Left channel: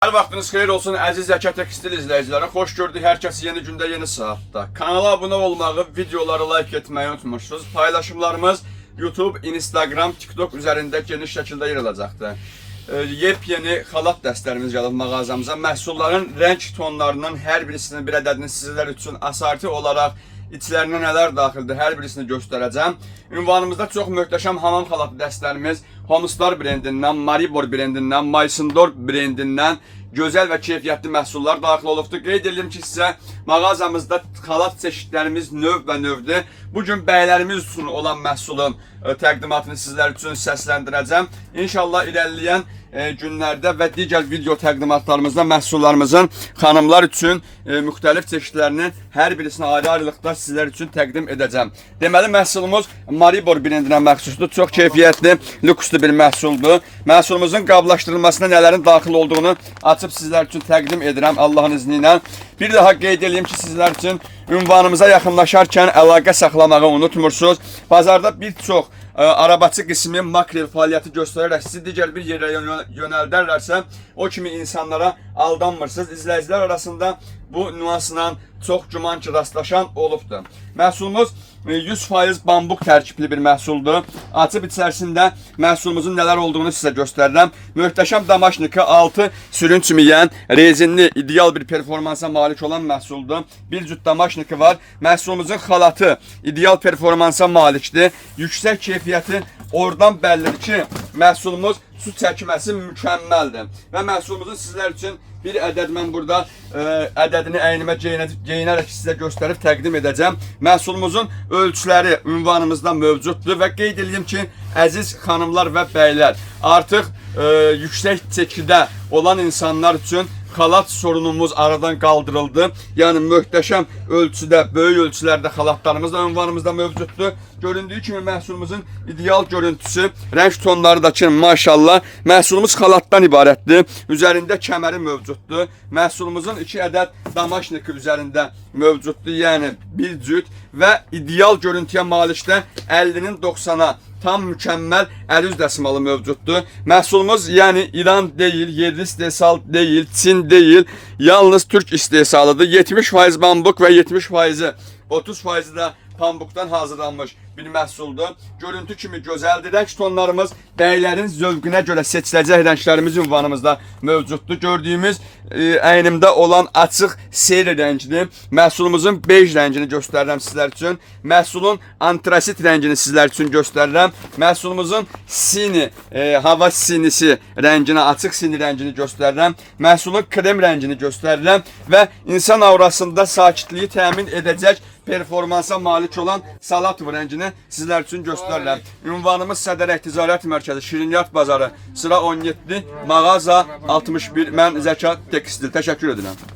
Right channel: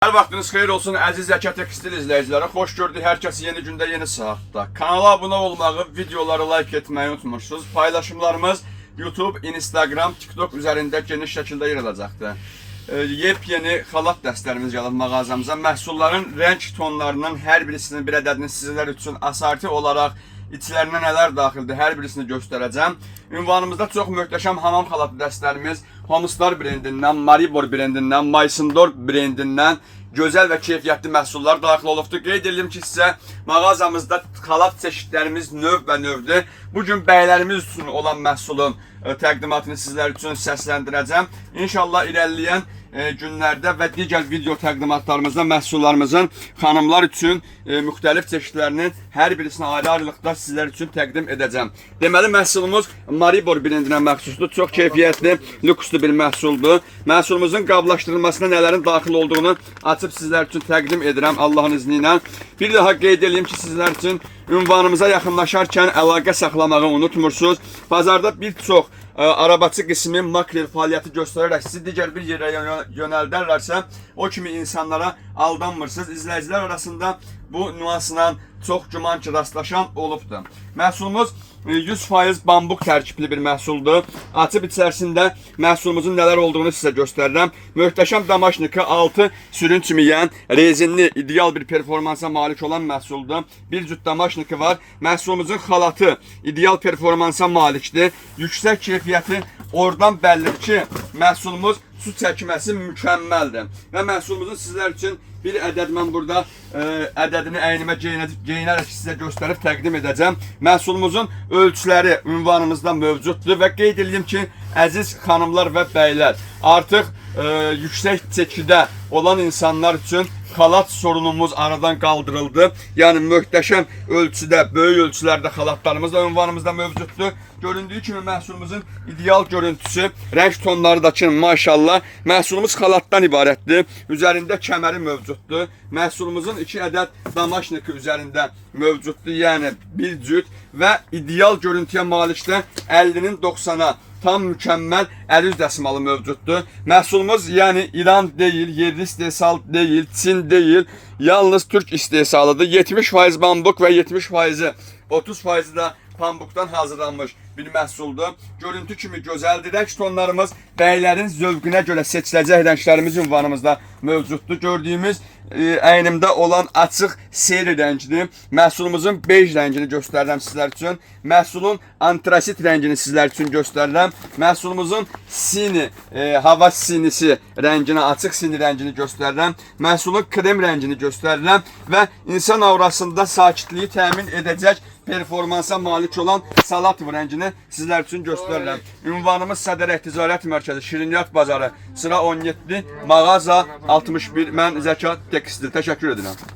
Hər vaxtınız xeyir olsun əziz Zəkat Tekstil izləyiciləri. Xoş gördük hər kəsi yeni gündə, yeni saatda. Kanala abunə olmağı, videoları like etməyi unutmursunuz. Paylaşımlarımız YouTube, Instagram, TikTok üzərində geniş şəkildə yer alacaqdır. Yepyeni xalat dəstlərimiz gəlib mağazamıza. Məhsulların rəng tonlarından hər birisinin bir ədədini sizlər üçün asarti olaraq İçlərinə nələr daxildir, hər birisini göstərəcəm. Ünvanımızda çox möhtəşəm hamam xalatı dəstlərimiz Homestar brendindən, Maribor brendindən, Maysindor brendindən gözəl və keyfiyyətli məhsullar daxil olubdur. Qeyd edirəm ki, sizə mağazamızda xalat çeşidlərimiz növ və növdür. Bugün bəylərimiz üçün olan məhsulun təqdimatını sizlər üçün səsləndirəcəm. İnşallah irəliləyən günlərdə və digər video təqdimatlarımızda məhsullarımızın xanımlar üçün müxtəlif çeşidlərinin hər birisini ayrı-ayrılıqda sizlər üçün təqdim edəcəm. Deməli, məhsulumuz Maribor brendinə məxsusdur. Çox keyfiyyətli, lükslü bir məhsuldur. Məhsulumuzun qablaşdırılmasına nələrin daxil olduğunu açıb sizlər üçün təqdim edirəm Allahın izni ilə. Bir daha qeyd edeyim ki, sizlər üçün ünvanımıza yaxınlaşarkən əlaqə saxlamağı unutmursunuz. Bazarda bir çox arabaçı qismi makrel fəaliyyəti göstərərək sizi digər bir yerə yönəldərlərsə, o kimi insanlara aldanmırsınız. İzləyicilər arasında bu nüansla çox güman ki, rastlaşan olubdur. Məhsulumuz 100% bambuk tərkibli bir məhsuldur. Açıb içərisində məhsulumuzun nələr olduğunu sizə göstərirəm. Möhtəşəm damaşniki 6 sürün çimiyən, rezinli, ideal bir performansa malik olan məhsuldur. Bir cüt damaşniki var. Məhsulumuzun xalatı ideal performansa malikdir. Yüksək keyfiyyəti oradan bəllidir ki, məhsulumuz su çəkməsi mükəmməldir. Və məhsulumuzun sizlər üçün bir ədəd mən burada ədədini əynimə geyinərək sizə göstərib təqdim edəcəm. Məhsulumuzun ölçüləri ünvanımızda mövcuddur və qeyd edeyim ki, əziz xanımlar və bəylər, artıq yüksək çəkidə olan insanlar üçün xalat sorunumuz aradan qaldırıldı. Yəni möhtəşəm ölçüdə, böyük ölçülərdə xalatlarımız da ünvanımızda mövcuddur. Göründüyü kimi məhsulumuzun ideal görüntüsü, rəng tonları da ki, maşallah, məhsulumuz xalatdan ibarətdir. Üzərində kəməri mövcuddur. Məhsulumuzun 2 ədəd damaşniki üzərində mövcuddur, yəni bir cüt və ideal görüntüyə malikdə 50-nin 90-a tam mükəmməl 50 dəsimalı mövcuddur. Məhsulumuz yəni İran deyil, yerli istehsal deyil, Çin deyil, yalnız Türk istehsalıdır. 70% bambuk və 70%, 30% da pambukdan hazırlanmış bir məhsuldur. Görüntü kimi gözəldir. Rəng tonlarımız bəylərin zövqünə görə seçiləcək rənglərimiz ünvanımızda mövcuddur. Gördüyümüz əynimdə olan açıq seri rəngidir. Məhsulumuzun bej rəngini göstərirəm sizlər üçün. Məhsulun antrasit rəngini sizlər üçün göstərirəm. Məhsulumuzun sini, hava sinisi rəngini, açıq sini rəngini göstərirəm. Məhsulun krem rəngini göstərirəm və insan aurasında sakitliyi təmin edəcək performansa malik olan salat rəngini sizlər üçün göstərirəm. Ünvanımız Sədərək Ticarət Mərkəzi, Şirniyyat Bazarı, sıra 17, mağaza 61. Mən Zəkat Tekstil. Təşəkkür edirəm.